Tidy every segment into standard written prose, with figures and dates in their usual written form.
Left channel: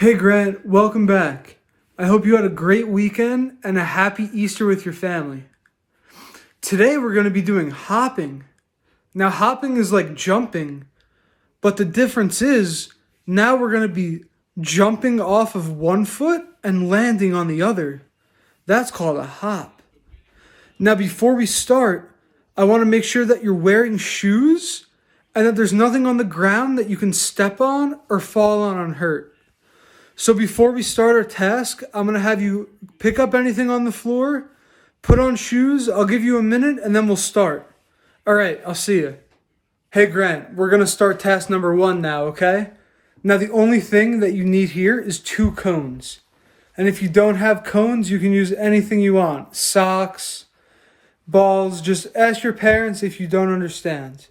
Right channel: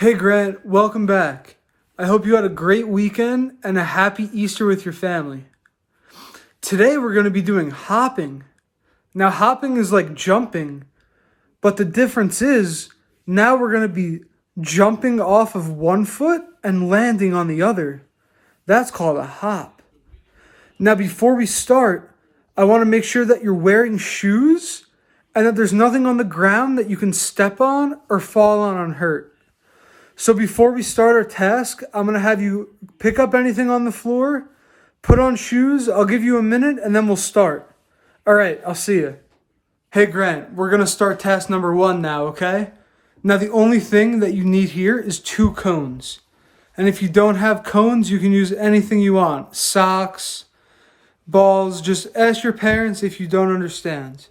Hey Grant, welcome back. I hope you had a great weekend and a happy Easter with your family. Today we're going to be doing hopping. Now, hopping is like jumping, but the difference is now we're going to be jumping off of one foot and landing on the other. That's called a hop. Now, before we start, I want to make sure that you're wearing shoes and that there's nothing on the ground that you can step on or fall on and hurt. So before we start our task, I'm going to have you pick up anything on the floor, put on shoes. I'll give you a minute and then we'll start. All right, I'll see you. Hey Grant, we're going to start task number 1 now, okay? Now the only thing that you need here is 2 cones. And if you don't have cones, you can use anything you want. Socks, balls, just ask your parents if you don't understand.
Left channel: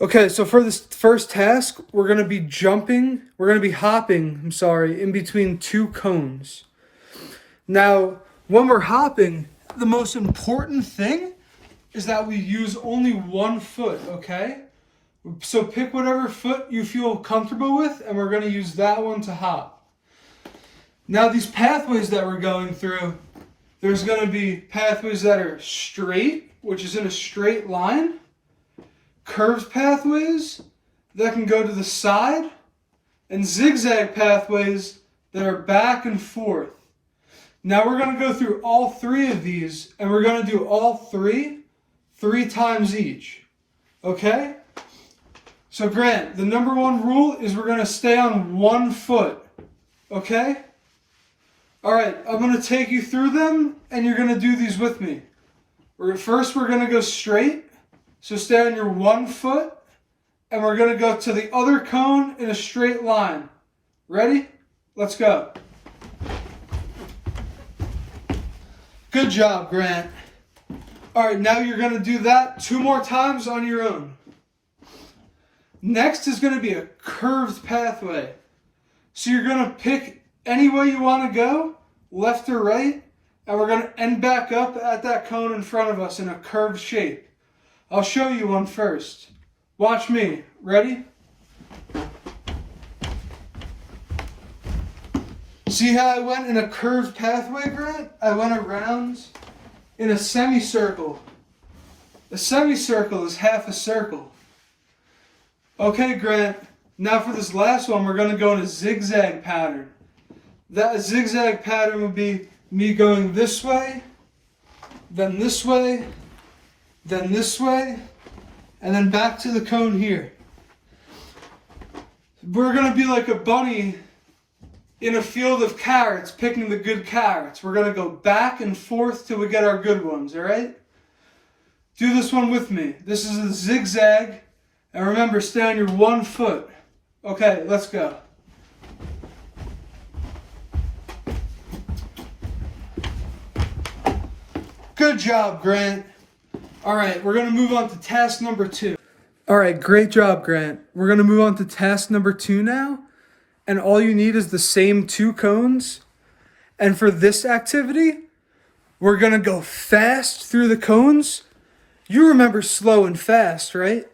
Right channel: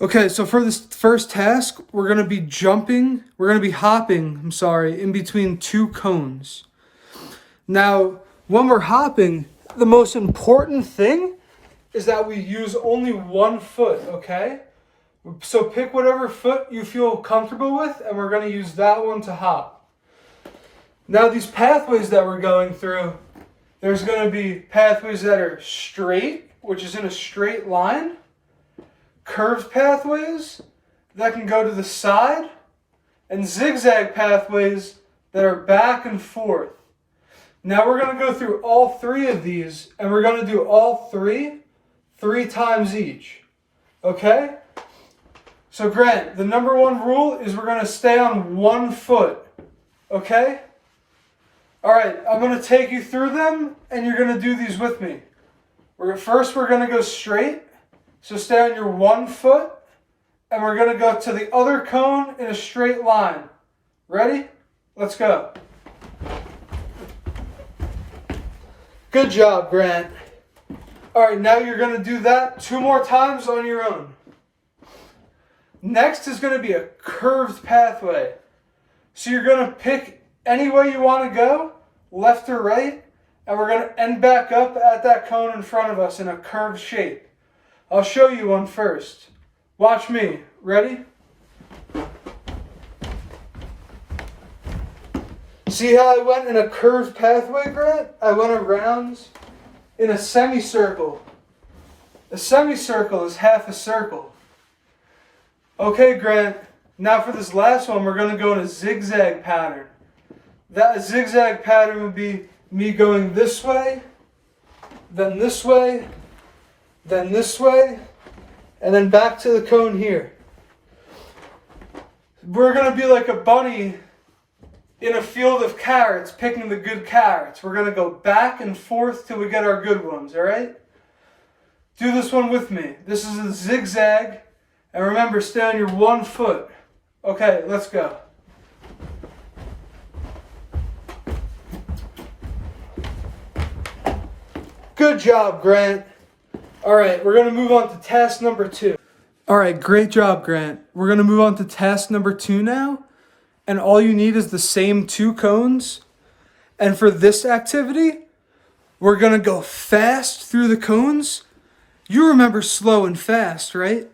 Okay, so for this first task, we're going to be hopping, in between 2 cones. Now, when we're hopping, the most important thing is that we use only 1 foot, okay? So pick whatever foot you feel comfortable with, and we're going to use that one to hop. Now, these pathways that we're going through, there's going to be pathways that are straight, which is in a straight line. Curved pathways that can go to the side, and zigzag pathways that are back and forth. Now we're going to go through all 3 of these, and we're going to do all 3 times each. Okay? So Grant, the number 1 rule is we're going to stay on 1 foot. Okay? Alright, I'm going to take you through them, and you're going to do these with me. First, we're going to go straight. So stay on your 1 foot, and we're going to go to the other cone in a straight line. Ready? Let's go. Good job, Grant. All right, now you're going to do that 2 more times on your own. Next is going to be a curved pathway. So you're going to pick any way you want to go, left or right, and we're going to end back up at that cone in front of us in a curved shape. I'll show you one first. Watch me. Ready? See how I went in a curved pathway, Grant? I went around in a semicircle. A semicircle is half a circle. Okay, Grant. Now for this last one, we're going to go in a zigzag pattern. That zigzag pattern would be me going this way, then this way, then this way, and then back to the cone here. We're going to be like a bunny in a field of carrots, picking the good carrots. We're going to go back and forth till we get our good ones, all right? Do this one with me. This is a zigzag, and remember, stay on your 1 foot. Okay, let's go. Good job, Grant. All right, we're going to move on to task number 2. All right, great job, Grant. We're going to move on to task number 2 now. And all you need is the same 2 cones. And for this activity, we're going to go fast through the cones. You remember slow and fast, right?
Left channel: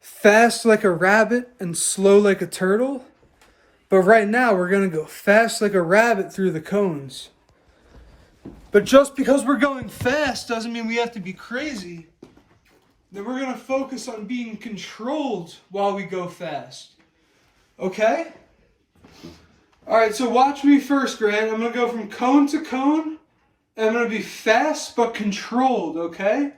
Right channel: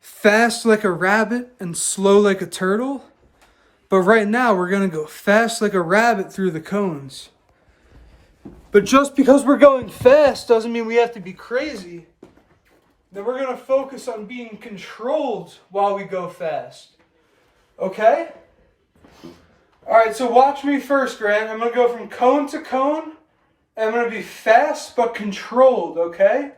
Fast like a rabbit and slow like a turtle. But right now, we're going to go fast like a rabbit through the cones. But just because we're going fast doesn't mean we have to be crazy. Then we're going to focus on being controlled while we go fast. Okay? Alright, so watch me first, Grant. I'm going to go from cone to cone. And I'm going to be fast but controlled, okay?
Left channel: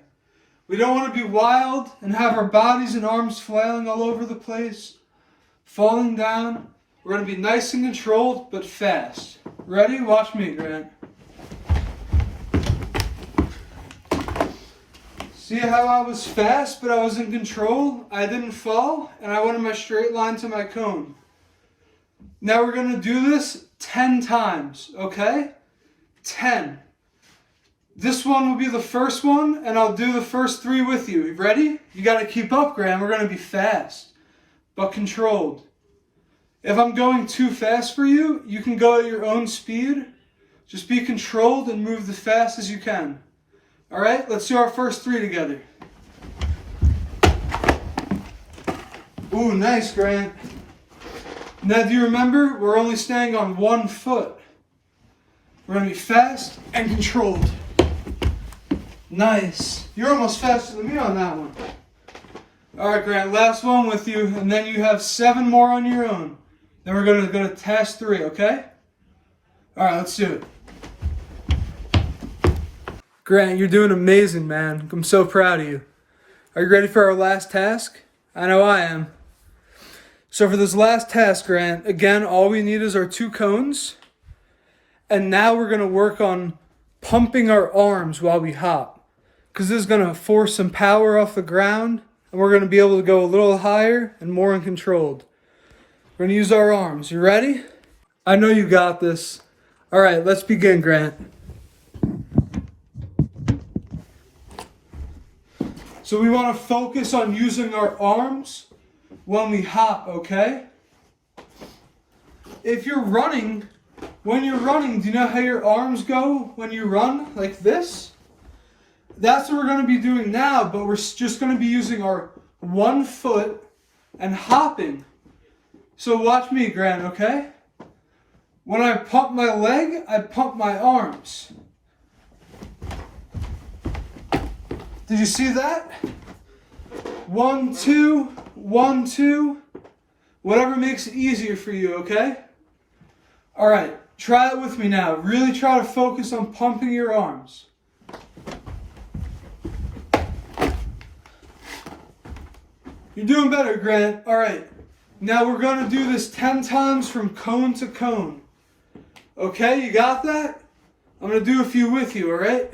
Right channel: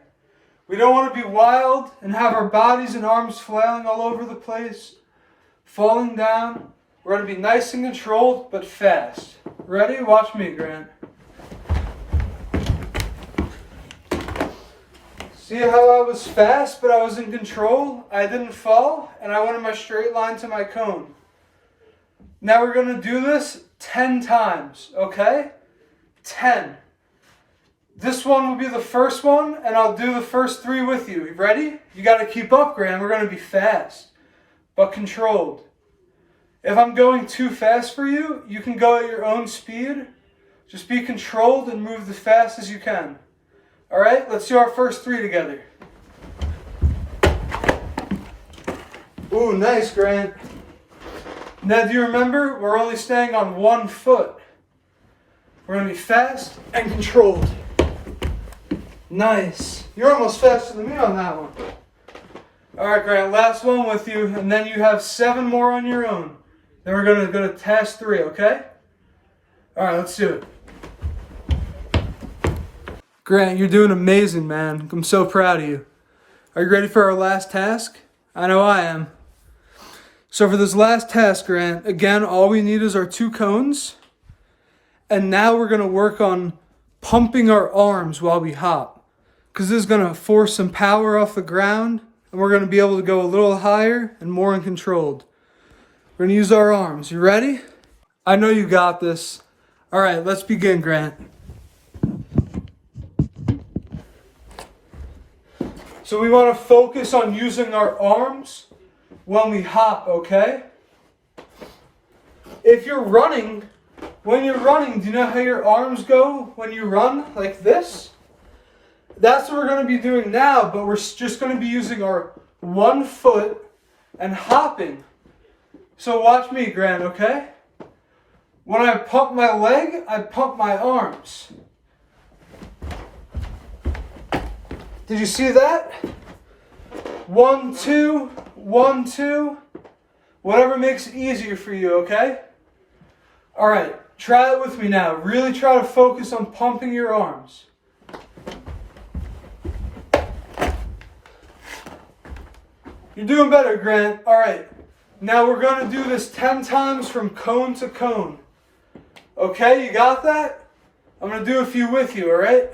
We don't want to be wild and have our bodies and arms flailing all over the place, falling down. We're going to be nice and controlled but fast. Ready? Watch me, Grant. See how I was fast, but I was in control? I didn't fall, and I went in my straight line to my cone. Now we're going to do this 10 times, okay? 10. This one will be the first one, and I'll do the first 3 with you. Ready? You got to keep up, Graham. We're going to be fast, but controlled. If I'm going too fast for you, you can go at your own speed. Just be controlled and move as fast as you can. All right, let's do our first 3 together. Ooh, nice, Grant. Now, do you remember? We're only staying on one foot. We're going to be fast and controlled. Nice. You're almost faster than me on that one. All right, Grant, last one with you, and then you have 7 more on your own. Then we're going to go to task 3, okay? All right, let's do it. Grant, you're doing amazing, man. I'm so proud of you. Are you ready for our last task? I know I am. So for this last task, Grant, again, all we need is our 2 cones. And now we're going to work on pumping our arms while we hop. Because this is going to force some power off the ground. And we're going to be able to go a little higher and more uncontrolled. We're going to use our arms. You ready? I know you got this. All right, let's begin, Grant. So we want to focus on using our arms when we hop, okay? If you're running, when you're running, do you know how your arms go when you run? Like this? That's what we're going to be doing now, but we're just going to be using our 1 foot and hopping. So watch me, Grant, okay? When I pump my leg, I pump my arms. Did you see that? 1, 2, 1, 2. Whatever makes it easier for you, okay? All right, try it with me now. Really try to focus on pumping your arms. You're doing better, Grant. All right, now we're going to do this 10 times from cone to cone. Okay, you got that? I'm going to do a few with you, all right?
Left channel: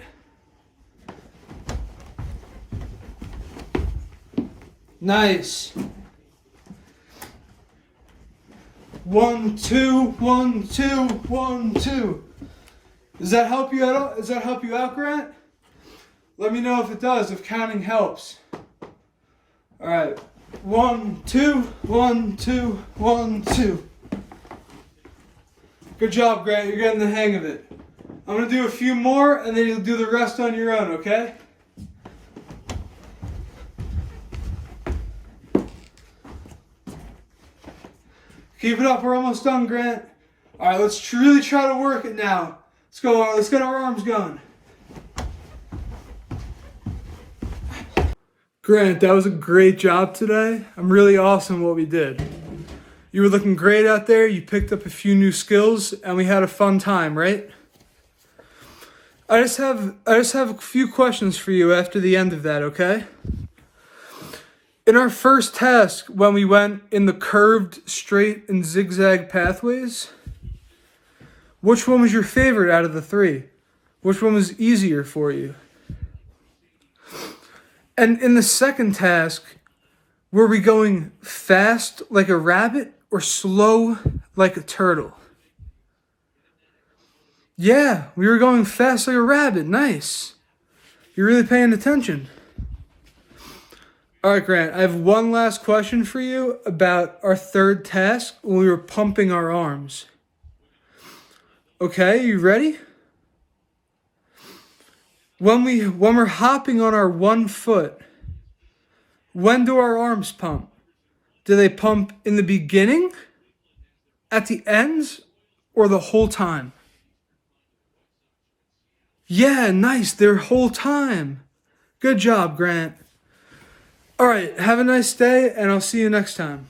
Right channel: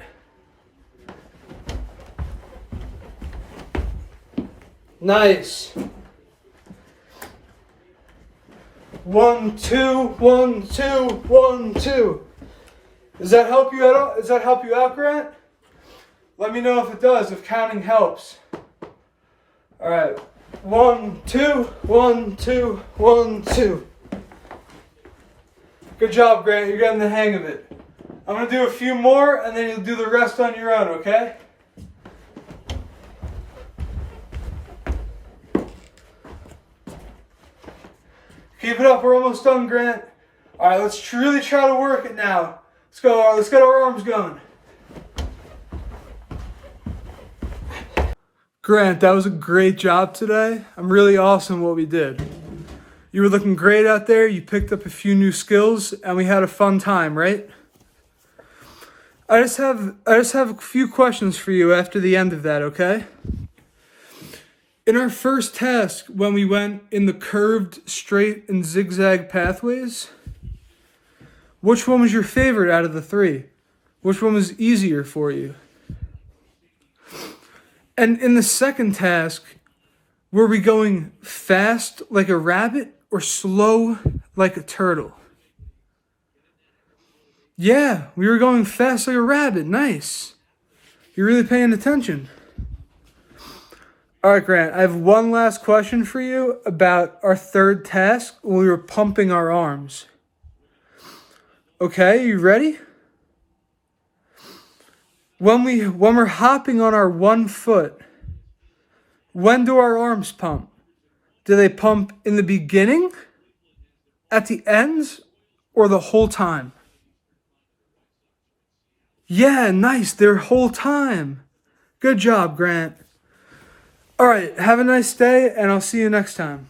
Nice. 1, 2, 1, 2, 1, 2. Does that help you out? Does that help you out, Grant? Let me know if it does, if counting helps. All right. 1, 2, 1, 2, 1, 2. Good job, Grant. You're getting the hang of it. I'm going to do a few more, and then you'll do the rest on your own, okay? Keep it up. We're almost done, Grant. All right, let's really try to work it now. Let's go. Let's get our arms going. Grant, that was a great job today. I'm really awesome what we did. You were looking great out there. You picked up a few new skills, and we had a fun time, right? I just have a few questions for you after the end of that, okay? In our first task, when we went in the curved, straight, and zigzag pathways, which one was your favorite out of the 3? Which one was easier for you? And in the second task, were we going fast like a rabbit or slow like a turtle? Yeah, we were going fast like a rabbit. Nice. You're really paying attention. All right, Grant, I have one last question for you about our third task when we were pumping our arms. Okay, you ready? When we're hopping on our 1 foot, when do our arms pump? Do they pump in the beginning, at the ends, or the whole time? Yeah, nice, their whole time. Good job, Grant. All right, have a nice day, and I'll see you next time.